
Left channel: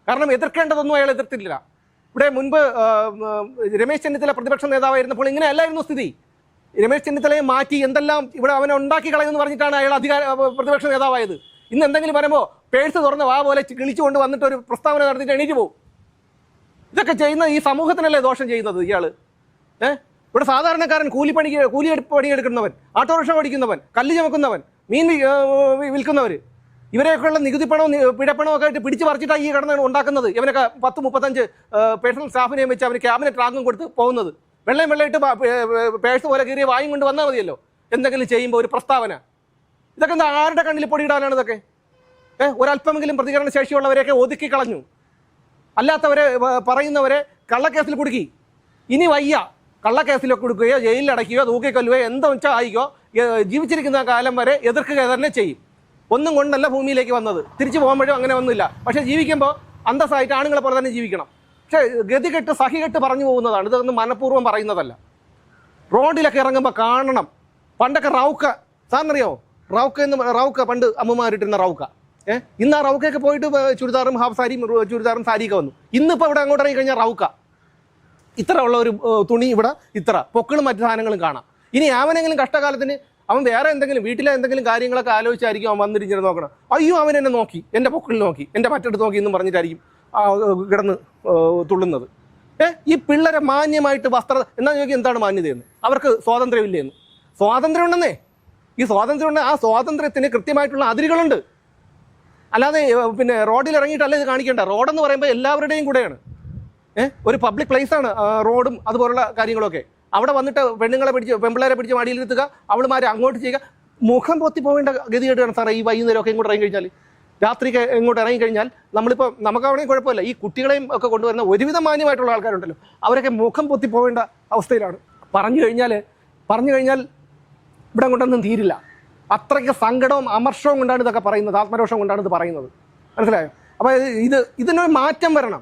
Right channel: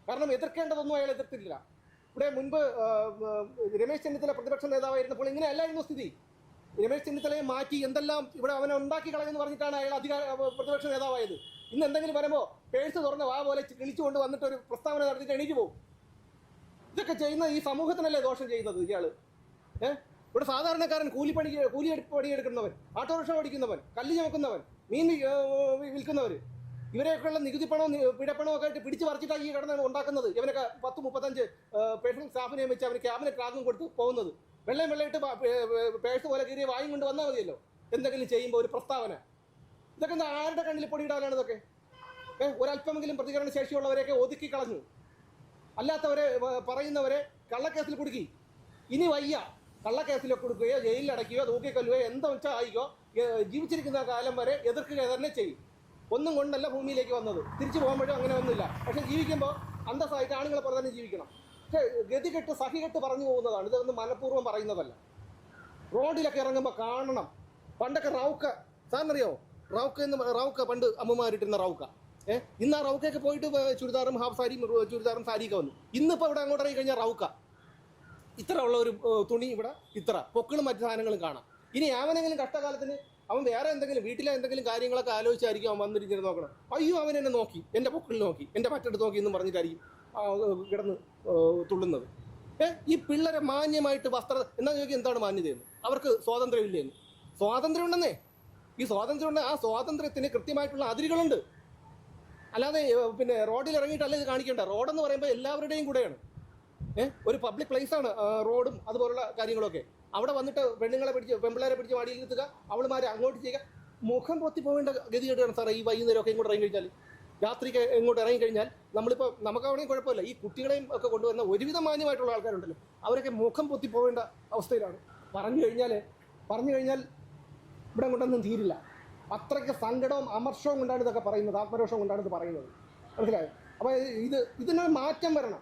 കാരണം എതിർക്കേണ്ടതൊന്നും അയാൾ എതിർത്തില്ല ഇവിടെ മുൻപ് രമേശ് ചെന്നിത്തല പ്രതിപക്ഷ നേതാവായിരുന്നപ്പോൾ ഇങ്ങനെ അല്ലായിരുന്നു സ്ഥിതി. രമേശ് ചെന്നിത്തലയെ മാറ്റി എന്തെല്ലാം ഇവിടെ അവനെ ഉണ്ടാക്കി കളയുമെന്ന് പറഞ്ഞിട്ടാണ് അയാൾ അധികാര പ്രതിപക്ഷ നേതാവായത്. ഇന്ന് എന്തെങ്കിലും പറയുമ്പോൾ പേഴ്സ് തുറന്ന് വാ പോലെ കിളിച്ചുകൊണ്ട് വന്നിട്ട് ഒരു പ്രസ്താവന നടത്തിയിട്ട് എണീറ്റ് പോകും ഇതൊക്കെ ചെയ്യുന്ന ഈ സമൂഹത്തിനല്ലേ ദോഷം ചെയ്യുന്നത് ഇയാൾ? ഏഹ് ഇവിടെ സാധാരണക്കാരൻ കൂലിപ്പണിക്ക് കൂലി പണിയെടുക്കുന്നവൻ ഓട്ടോറിക്ഷ ഓടിക്കുന്നവൻ കല്ല് ചുമക്കുന്നവൻ മീൻ വിൽക്കുന്നവർ ഇവരെയൊക്കെയുള്ള നികുതി പണവും പിഴപ്പണവും ഒക്കെ ആയിട്ട് പിടിച്ചു പറിച്ചിട്ടാണ് ഈ കടന്ന് ഉണ്ടാക്കുന്നത്. ഇവനൊക്കെ പത്ത് മുപ്പത്തഞ്ച് പേഴ്സണൽ സ്റ്റാഫിനെയും വെച്ച് അവന് ക്യാബിനറ്റ് റാങ്കും കൊടുത്ത് പോകുന്നത്. വെള്ളം വെള്ളയിട്ട് പേഴ്സ് പോലെ കയറിയ വായും കൊണ്ട് വന്നാൽ മതിയല്ലോ. എന്തെങ്കിലും ചെയ്യുമ്പോൾ ഒരു പ്രസ്താവന. ഇതൊക്കെ എന്താ ആരുടെ കണ്ണിൽ പൊടിയിടാനാണ് ഇതൊക്കെ? ഏഹ് ഒരല്പമെങ്കിലും പ്രതികരണ ശേഷിയുള്ളവരെയൊക്കെ ഒതുക്കി കളഞ്ഞു. അല്ലാത്തവരെ പറയുന്നവരെ കള്ളക്കേസിൽ കുടുക്കി. ഇനി വയ്യ. കള്ളക്കേസിലൊക്കെ കൊടുക്കുകയോ ജയിലിൽ അടയ്ക്കുകയോ തൂക്കിക്കൊല്ലുകയോ എന്താ വെച്ചാൽ ആയിക്കോ ജീവിച്ചിരിക്കുന്ന കാലം വരെ എതിർക്കുക തന്നെ ചെയ്യും. ഒന്നും കൊണ്ടല്ല ഭൂമിയിലേക്ക് വന്നത്. തിരിച്ചു പോകുമ്പോഴും അങ്ങനെ ഒന്നുമില്ല പക്ഷേ ജീവിക്കുമ്പോൾ അന്തസ്സായിട്ട് ആണുങ്ങളെ പോലെ തന്നെ ജീവിക്കണം. പക്ഷേ ഗതികെട്ട് സഹികെട്ട് പറഞ്ഞു പോകുന്നതാണ്. ഇതൊന്നും മനഃപൂർവം പറയുന്നതല്ല. റോഡിലൊക്കെ ഇറങ്ങുമ്പോൾ കാണണം. പണ്ടൊക്കെ റൗക്ക. സാറിനറിയോ റൗക്ക എന്ന് റൗക്ക പണ്ട് അമ്മമാരിട്ടിരുന്ന റൗക്ക. ഏഹ് ഇന്ന് ആ റൗക്കയൊക്കെ പോയിട്ട് ചുരിദാറും ഹാഫ് സാരിയും ചുരിദാറും സാരിയൊക്കെ വന്നു. ഇന്നിപ്പോൾ ഇവിടെ അങ്ങോട്ട് ഇറങ്ങി കഴിഞ്ഞാൽ റൗക്ക. ഇത്ര ഉള്ള ഒരു തുണി ഇവിടെ ഇത്ര. പൊക്കളും മറ്റു സാധനങ്ങളും കാണാം. ഇനി അവനെങ്കിലും കഷ്ടകാലത്തിന് അവൻ വേറെ എന്തെങ്കിലും വീട്ടിലെ എന്തെങ്കിലും കാര്യങ്ങളൊക്കെ ആലോചിച്ചായിരിക്കും അവൻ വന്നിരിക്കുന്നത് നോക്കണം. അയ്യോ അവൻ എന്നെ നോക്കി. എന്റെ പൊക്കളിൽ നോക്കി. എന്റെ മറ്റെടുത്ത് നോക്കി എന്നും പറഞ്ഞിട്ടായിരിക്കും കിടന്ന് തുള്ളുന്നത്. ഏ ഈ പിള്ളേരെ മാന്യമായിട്ട് വസ്ത്ര എന്നാ ചോദിക്കുക എന്താണ് മാന്യതയെന്ന്? അവർക്ക് സ്വാതന്ത്ര്യമില്ലേന്ന്? സ്വാതന്ത്ര്യം ഉണ്ടെന്നേ ഈ സ്വാതന്ത്ര്യം ഉണ്ട് ആ സ്വാതന്ത്ര്യത്തിന് കൃത്യമായിട്ടുള്ള അതിരുകളുണ്ട്. അല്ലാതെ പിന്നെ റോഡിൽ ഇറങ്ങിയിട്ടല്ല ഇത് കാണിക്കേണ്ട റോഡെന്ന് പറയുമ്പോൾ എല്ലാവരുടെയും കൂടെയാണ്. ഏഹ് ഒരു പബ്ലിക് പ്ലേസ് ആണ് റോഡും അതുപോലുള്ള കാര്യങ്ങളൊക്കെ. അവിടെ വന്നിട്ട് പെണ്ണുങ്ങളെ പിടിച്ച് പെമ്പിള്ളേരെ പിടിച്ച് മടിയിലിരുത്തുക അവളുമാരെ അങ്ങോട്ട് ചെയ്യുക. മുഖം പൊത്തി പോകേണ്ട ഗതികേടാണ് സാറേ ഈ വൈകുന്നേരം ഒക്കെ ഇങ്ങോട്ട് ഇറങ്ങി കഴിഞ്ഞാൽ രാത്രിക്ക് ഇങ്ങോട്ട് ഇറങ്ങി കഴിഞ്ഞാൽ നമ്മളിപ്പോൾ അവിടെയും കുഴപ്പമില്ല. ഈ കുട്ടികളെയും ഒക്കെ കൊണ്ടുവരുന്ന ഒരുവിധം മാന്യമായിട്ടുള്ള ആൾക്കാരുണ്ടല്ലോ. അവരൊക്കെ മുഖം പൊത്തി പോകേണ്ട അവസ്ഥയിലാണ്. പറഞ്ഞു കഴിഞ്ഞാൽ പറഞ്ഞു കഴിഞ്ഞാൽ ഇവിടെ കൊണ്ടൊന്നും തീരില്ല. അത്രയ്ക്ക് സങ്കടവും അമർഷവും കൊണ്ടാണ് ഇതൊക്കെ പറയുന്നത് ആത്മരോഷം കൊണ്ടാണ് ഇത് പറയുന്നത്. മനസ്സിലായോ? അപ്പോൾ ഇത് ഇത് ഇതിനൊരു മാറ്റം വരണം.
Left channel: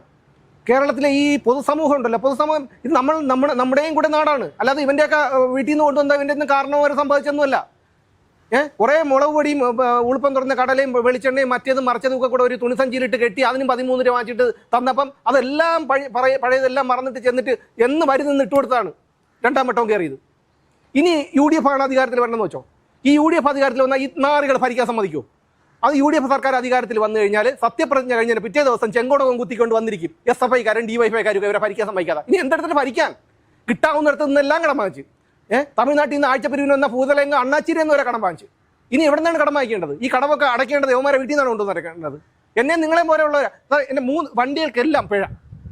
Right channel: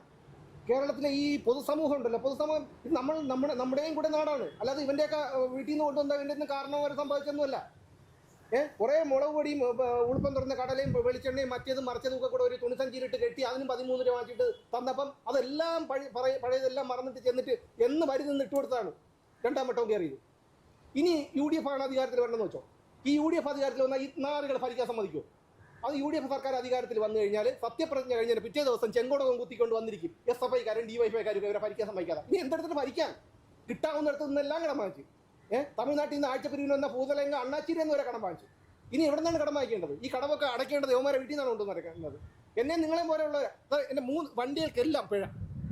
കേരളത്തിലെ ഈ പൊതുസമൂഹം ഉണ്ടല്ലോ പൊതുസമൂഹം ഇത് നമ്മൾ നമ്മുടെ നമ്മുടെയും കൂടെ നാടാണ്. അല്ലാതെ ഇവന്റെയൊക്കെ വീട്ടിൽ നിന്ന് കൊണ്ടുവന്ന ഇവന്റെ ഒന്നും കാരണവും വരെ സംഭവിച്ചൊന്നുമല്ല ഏഹ് കുറേ മുളക് പൊടിയും ഉളുപ്പം തുറന്ന കടലയും വെളിച്ചെണ്ണയും മറ്റേതും മറിച്ചതും ഒക്കെ കൂടെ ഒരു തുണിസഞ്ചിയിലിട്ട് കെട്ടി അതിനും പതിമൂന്ന് രൂപ വാങ്ങിച്ചിട്ട് തന്നപ്പം അതെല്ലാം പഴയ പഴയ- പഴയതെല്ലാം മറന്നിട്ട് ചെന്നിട്ട് എന്ന് വരുന്നെന്ന് ഇട്ട് കൊടുത്താണ് രണ്ടാം വട്ടവും കയറിയത്. ഇനി യു ഡി എഫ് ആണ് അധികാരത്തിൽ വരണമെന്ന് വെച്ചോ? ഈ യു ഡി എഫ് അധികാരത്തിൽ വന്നാൽ ഈ നാറുകൾ ഭരിക്കാൻ സമ്മതിക്കൂ? അത് യു ഡി എഫ് സർക്കാർ അധികാരത്തിൽ വന്നു കഴിഞ്ഞാൽ സത്യപ്രതിജ്ഞ കഴിഞ്ഞാൽ പിറ്റേ ദിവസം ചെങ്കോടകം കുത്തിക്കൊണ്ട് വന്നിരിക്കും. എസ് എഫ് ഐക്കാരും ഡി വൈ കാരും ഇവരെ ഭരിക്കാൻ സമ്മതിക്കാതെ. ഇനി എന്തെടുത്തിട്ട് ഭരിക്കാൻ? കിട്ടാവുന്നിടത്ത് നിന്നെല്ലാം കടം വാങ്ങിച്ച്. ഏഹ് തമിഴ്നാട്ടിൽ നിന്ന് ആഴ്ചപ്പിരിവിന് വന്ന ഭൂതലങ്ക അണ്ണാച്ചിരി എന്ന് വരെ കടം വാങ്ങിച്ച്. ഇനി എവിടെ നിന്നാണ് കടം വാങ്ങിക്കേണ്ടത്? ഈ കടമൊക്കെ അടയ്ക്കേണ്ടത് യവന്മാരെ വീട്ടിൽ നിന്നാണ് കൊണ്ടുവന്ന് എന്നെ നിങ്ങളെ പോലെയുള്ള എന്റെ മൂന്ന് വണ്ടികൾക്കെല്ലാം പിഴ.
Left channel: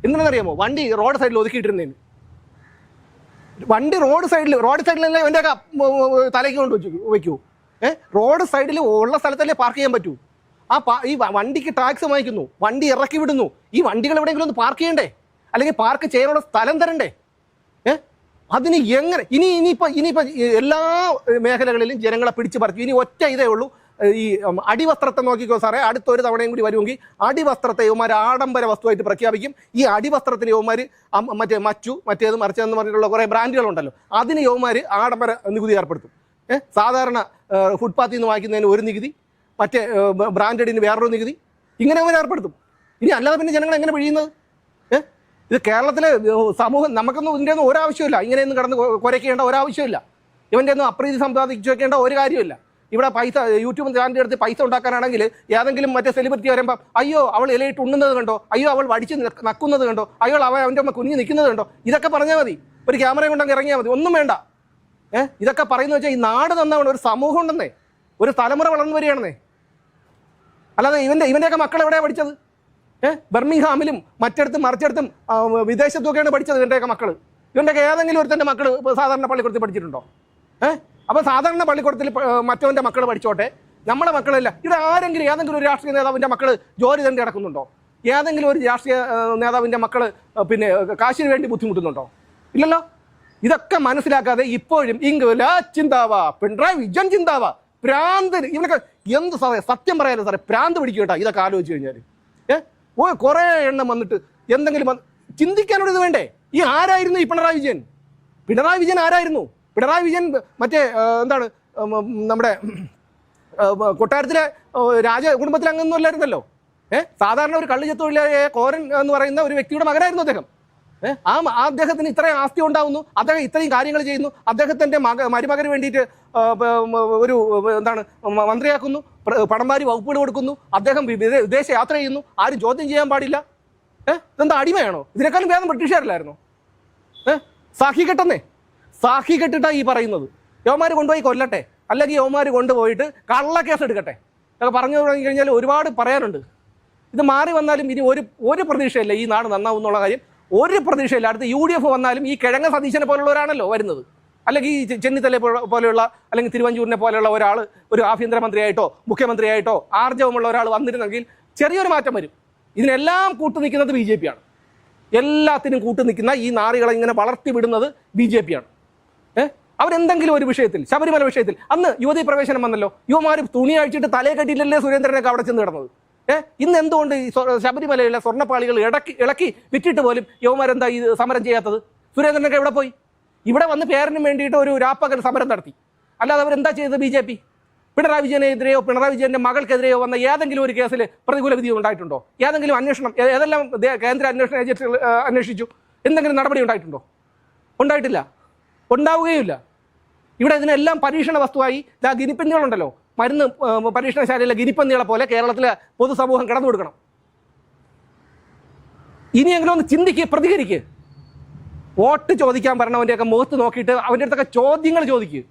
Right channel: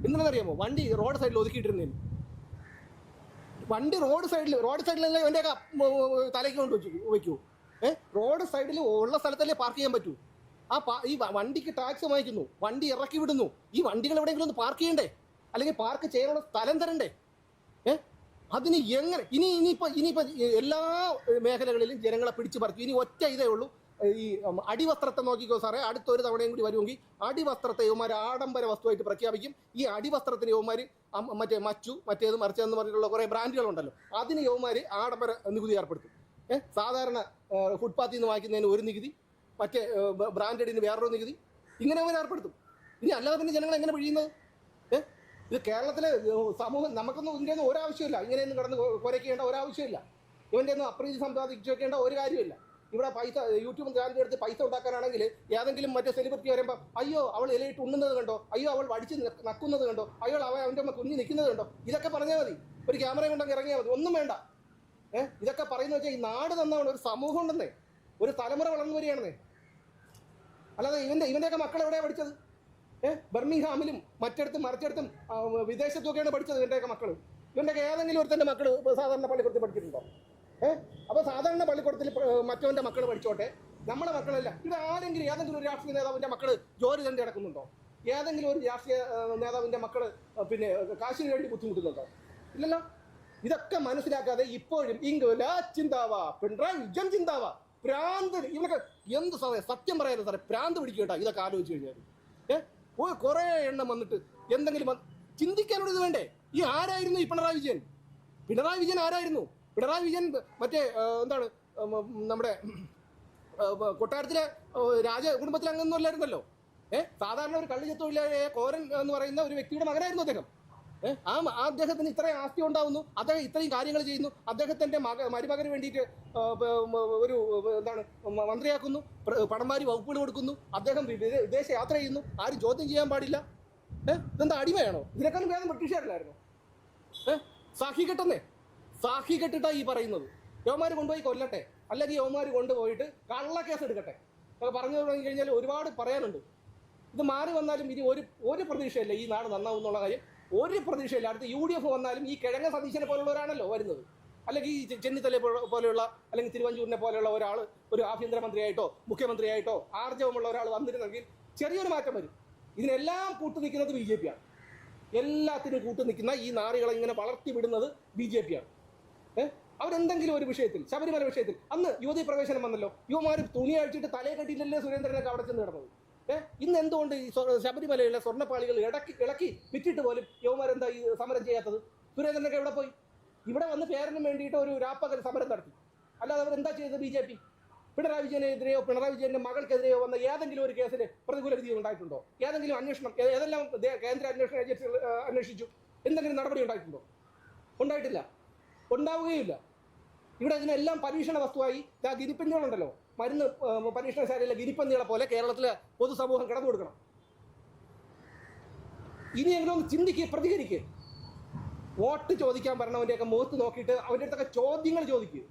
എന്തിനാണെന്നറിയാമോ വണ്ടി റോഡ് സൈഡിൽ ഒതുക്കിയിട്ടിരുന്നതിന് വണ്ടി റോഡ് സൈഡിൽ റോഡ് സൈഡിലല്ലേ എന്റെ തലയ്ക്ക് കൊണ്ട് വെച്ചു വെക്കൂ. ഏഹ് റോഡ് സൈഡിൽ ഉള്ള സ്ഥലത്തല്ലേ പാർക്ക് ചെയ്യാൻ പറ്റൂ. ആ ഈ വണ്ടിക്ക് ടാക്സ് വാങ്ങിക്കുന്നു. വണ്ടി ഇറക്കി വിടുന്നു. ഈ വണ്ടികൾ എവിടെയെങ്കിലും ഒന്ന് പാർക്ക് ചെയ്യണ്ടേ? അല്ലെങ്കിൽ പാർക്ക് ചെയ്യാനുള്ള സ്ഥലം തരണ്ടേ? ഏഹ് അതിന് എങ്ങനെ ഇനി ഇനിയിപ്പോൾ ഇനിയിപ്പോൾ എല്ലാ മേഖലകളിലും ജനങ്ങളെ പിടിച്ചു പറിച്ചു. ഇനി ഒറ്റ ഇതേ ഉള്ളൂ. ഈ അടിവസ്ത്രത്തെ നോക്കിക്കോ സാറേ. അടുത്ത ഒരു തവണയും കൂടി വരുമെങ്കിൽ അടിവസ്ത്രത്തെ യുവമാർ ആഡംബര വസ്തുവായിട്ട് പ്രഖ്യാപിക്കും. ഈ അടിവസ്ത്രത്തിന് യുവമാർ മറ്റേ മച്ചു മറ്റേത് മറിച്ചതെന്ന് പറഞ്ഞിട്ടുള്ള കുറേ ബ്രാൻഡുകളുണ്ടല്ലോ. അതിന് യുവമാർ ആഡംബര നികുതി ഏർപ്പെടുത്തും. ഏഹ് സാധാരണ ഫുട്പാത്തിൽ നിന്ന് വാങ്ങിക്കുന്നതിന് ഒരു നികുതി മറ്റേ ബ്രാൻഡിന് വേറൊരു നികുതി ഇങ്ങനെ അവർ ഏർപ്പെടുത്തും. ഇനി അല്ലാതെ പിന്നെ ജനങ്ങൾ എങ്ങനെ പിഴിയുന്നത്? ഏഹ് ഇത് കേരളത്തിലെ സമൂഹം നമുക്കൊന്നും ഇതിന്റെ ഒന്നും ഒരാവശ്യമില്ല ഇങ്ങനെയൊന്നും കിടന്ന് കുറയ്ക്കേണ്ട ഒരാവശ്യമില്ല ഇവന്റെ ഒന്നും അപ്രീതി സമ്പാദിച്ചു വെക്കേണ്ട ഒരു കാര്യമില്ല ഇവിടെ പൈസ യൂട്യൂബ് ചാനലിന്റെ അടുത്ത് പൈസ ഉണ്ടാക്കാനാണെങ്കിൽ ഏതെങ്കിലും മറ്റേ സെലിബ്രിറ്റി വരുമ്പോൾ അയ്യോ അവൾ ഇലയിട്ട് ഉണ്ണുന്നത് കണ്ടോ? അയ്യോ അവൾ വടിച്ച് നിക്ക് നക്കുന്നത് കണ്ടോ? അയ്യോ അവൻ അവന്റെ അമ്മ കുഞ്ഞ് നിൽക്കുന്നത് കണ്ടോ? ഇതൊക്കെ പറഞ്ഞാൽ മതി. ഒരു ക്യാമറ കൊണ്ടങ്ങ് ഇറങ്ങിയാൽ മതി. ഒന്നും വേണ്ട. ഏഹ് ഇതൊക്കെ പറയുന്നത് വെച്ചാൽ ഈ നാട് നന്നാവണം. ഒരു സമൂഹം ഉണ്ടെന്നേ. ഒരു തലമുറ വളർന്നു വരികയാണെന്നേ. അല്ലാതെ ഇവന്റെ ഇവന്റെയൊക്കെ മക്കൾ എവിടെയാണ് പഠിച്ചത്? ഏഹ് ബർമിംഗ്ഹാമിലും മറ്റിടത്തും മറിച്ചിടത്തും വിദേശത്തൊക്കെയാണ് പഠിച്ചത് ഇവന്റെയൊക്കെ മക്കൾ ഇവന്റെയൊക്കെ ഏതെങ്കിലും ഒരു തന്റെ മക്കൾ സാധാരണ പള്ളിക്കൂടത്തിൽ പഠിച്ചിട്ടുണ്ടോ? ഏഹ് അപ്പൊ സാധാരണ പള്ളിക്കൂടത്തിൽ മറ്റവന്റെ മക്കൾ പഠിച്ചോട്ടെ? നമ്മളെ മക്കളല്ല. ഇവിടെ ആരെങ്കിലും ഏതെങ്കിലും ഒരു രാഷ്ട്രീയ നേതാവിന്റെ മക്കൾ ജോലി തന്നെ കിടക്കുന്നുണ്ടോ ഏതെങ്കിലും ഒരു രാഷ്ട്രീയ നേതാവിന്റെ മക്കൾ പിന്നെ കാശിന് വേണ്ടി ബുദ്ധിമുട്ടുന്നുണ്ടോ? ഇല്ലല്ലോ? ഇതൊക്കെ മനസ്സിലാക്കാതെ ഇപ്പോഴും ഇംഗ്ല ചിന്താവാ. പിണറായി വിജയൻ ചിന്താവാ. പ്രാന്ത് ഇവനൊക്കെ എന്ത് സാറേ സത്യം പറയാലോ സാറേ പ്രാന്ത് പിടിക്കും കേട്ടോ ഇതൊക്കെ ആലോചിച്ച് കഴിഞ്ഞാൽ ഏ? ഓ കുറേ എണ്ണം വന്നിട്ട് എന്തെങ്കിലും ചിന്തിക്കാനുള്ളത് വേണ്ടേ? ഈ ആരായിരുന്നു ഈ പിണറായി വിജയൻ? പിണറായി വിജയൻ ആരായിരുന്നു? പിണറായി വിജയൻ മറ്റേ എന്താണ് നമ്മുടെ കൊട്ടാരത്തിലെ രാജ കുടുംബത്തിലെ അംഗമൊന്നും അല്ലായിരുന്നല്ലോ? ഏഹ് സാധാരണ ഒരു കള്ളു തൊഴിലാളിയായ കോരൻ എന്ന് പറയുന്ന ഒരു വ്യക്തിയുടെ മകനായിരുന്നു അദ്ദേഹം. ആ അദ്ദേഹത്തിന് ഇത്രയും ആസ്തി ഉണ്ടാവുന്നു അദ്ദേഹം ഇത്രയും കാര്യങ്ങൾ ചെയ്യുന്നു അദ്ദേഹത്തിന്റെ മക മരുമകന് വേണ്ടിയിട്ട് ഒരു എന്താണ് മന്ത്രിയാക്കുന്നു പണംവാരി വകുപ്പുകൾ കൊടുക്കുന്നു അദ്ദേഹം വിദേശ യാത്ര ചെയ്യുന്നു ആരും ചോദ്യം ചെയ്യാൻ പാടില്ല. ഏഹ് ഇതെന്താ അടിമയാണോ? ഇതിനേക്കാളും ഭേദം ബ്രിട്ടീഷുകാരില്ലായിരുന്നു ഏഹ് സാഖി കെട്ടെന്നേ? സാഖി കെട്ടിട്ടാ ഈ പറയുന്നത്. യോമാര് കൊണ്ടുപോയി കൊല്ലട്ടെ. അല്ലെങ്കിൽ യോമാർ കൊണ്ടുപോയിട്ട് കള്ള കേസ് എടുക്കട്ടെ എന്നൊക്കെ പറഞ്ഞു തുടങ്ങി കഴിഞ്ഞാൽ ഒരുപാട് പറയാനുണ്ട്. ഇത് മാറി വന്നാലും ഇനി ഒരു ഒരു പ്രതീക്ഷയില്ല ഈ നാട് നന്നാവും എന്നുള്ള കാര്യം. ഒരു പ്രതീക്ഷയില്ല. അടുത്ത് യു ഡി എഫ് വന്നാലും ഈ കിഴങ്ങ സതീശനെ പോലുള്ളവരാണല്ലോ വരുന്നത്. അല്ലെങ്കിൽ ഈ ചെന്നിത്തല പോലെയുള്ള അല്ലെങ്കിൽ തിരുവഞ്ചൂരിനെ പോലെയുള്ള ഒരാൾ ഒരു ആഭ്യന്തരമന്ത്രിയായിട്ടോ മുഖ്യമന്ത്രിയായിട്ടോ ആർജവമുള്ള ഒരാൾ വന്നിരുന്നെങ്കിൽ ചെറിയൊരു മാറ്റം വരും. ഇതിനെല്ലാം കൂട്ടു നിൽക്കുന്നത് ബി ജെ പി ആണ്. എല്ലാത്തിനും കൂട്ടു നിൽക്കുന്ന ഈ നാറികളെ ഇങ്ങനെ വളർത്തി വിടുന്നത് ബി ജെ പി ആണ്. ഏഹ് അവരെന്തെങ്കിലും ഒരു വിഷയത്തിൽ ശബരിമല വിഷയത്തിൽ. അന്ന് യുവതി പ്രവേശനം വന്നല്ലോ. യുവമാർ തുണി അഴിച്ചിട്ട് തലയെ കെട്ടിയില്ലല്ലേ സുരേന്ദ്രനൊക്കെ അവിടെ ചെന്ന് കിടന്നത്? ഏഹ് ഇന്ന് എന്തുകൊണ്ട് ശബരിമലയിലെ സ്വർണപ്പാളികൾ ഇടക്കി ഇളക്കി വിറ്റിട്ട് പോലും യുവമാരെന്താ ഈ സമരം ചെയ്യാത്തത്? സുരേന്ദ്രനൊക്കെ എവിടെ പോയി? ഇവിടെ വന്ന് പേരിന് വേണ്ടിയിട്ട് ഒരു രാപ്പകൽ സമരം നടത്തി. അല്ലാതെ അവരെന്താ ചെയ്തത് ബി ജെ പി? പിണറായി വിജയനെതിരെയോ പിണറായി വിജയന്റെ മകൾക്കെതിരെയോ വന്ന ഏതെങ്കിലും ഒരു കേസിൽ പ്രതികൂല വിധി ഉണ്ടായിട്ടുണ്ടോ? ഏതെങ്കിലും അന്വേഷണം ഏതെല്ലാം കേന്ദ്ര അന്വേഷണ ഏജൻസികൾ അന്വേഷിച്ചു? എന്തെങ്കിലും നടപടി ഉണ്ടായിട്ടുണ്ടോ? ഉണ്ടായിട്ടില്ല. ഉണ്ടാവുകയുമില്ല ഇവിടെ ഇതിനെല്ലാം പരീക്ഷണ വസ്തുവായി ഇതാ ഗിനിപ്പന്നികളുണ്ടല്ലോ മരുന്ന് പരീക്ഷണശാലയിലെ ഗിനിപ്പന്നികളെ പോലെ കേരളത്തിലെ പൊതുസമൂഹം കിടന്നു കൊടുക്കണം. ഇനിയെങ്കിലും ഒന്ന് ചിന്തിക്ക് പ്രതികരിക്ക്. വോട്ട് ചോദിക്കാൻ പറഞ്ഞവന്റെയൊക്കെ മുഖത്ത് നോക്കിയിട്ട് അവന്റെ അടുത്തൊക്കെ ചോദ്യങ്ങൾ ചോദിക്കുക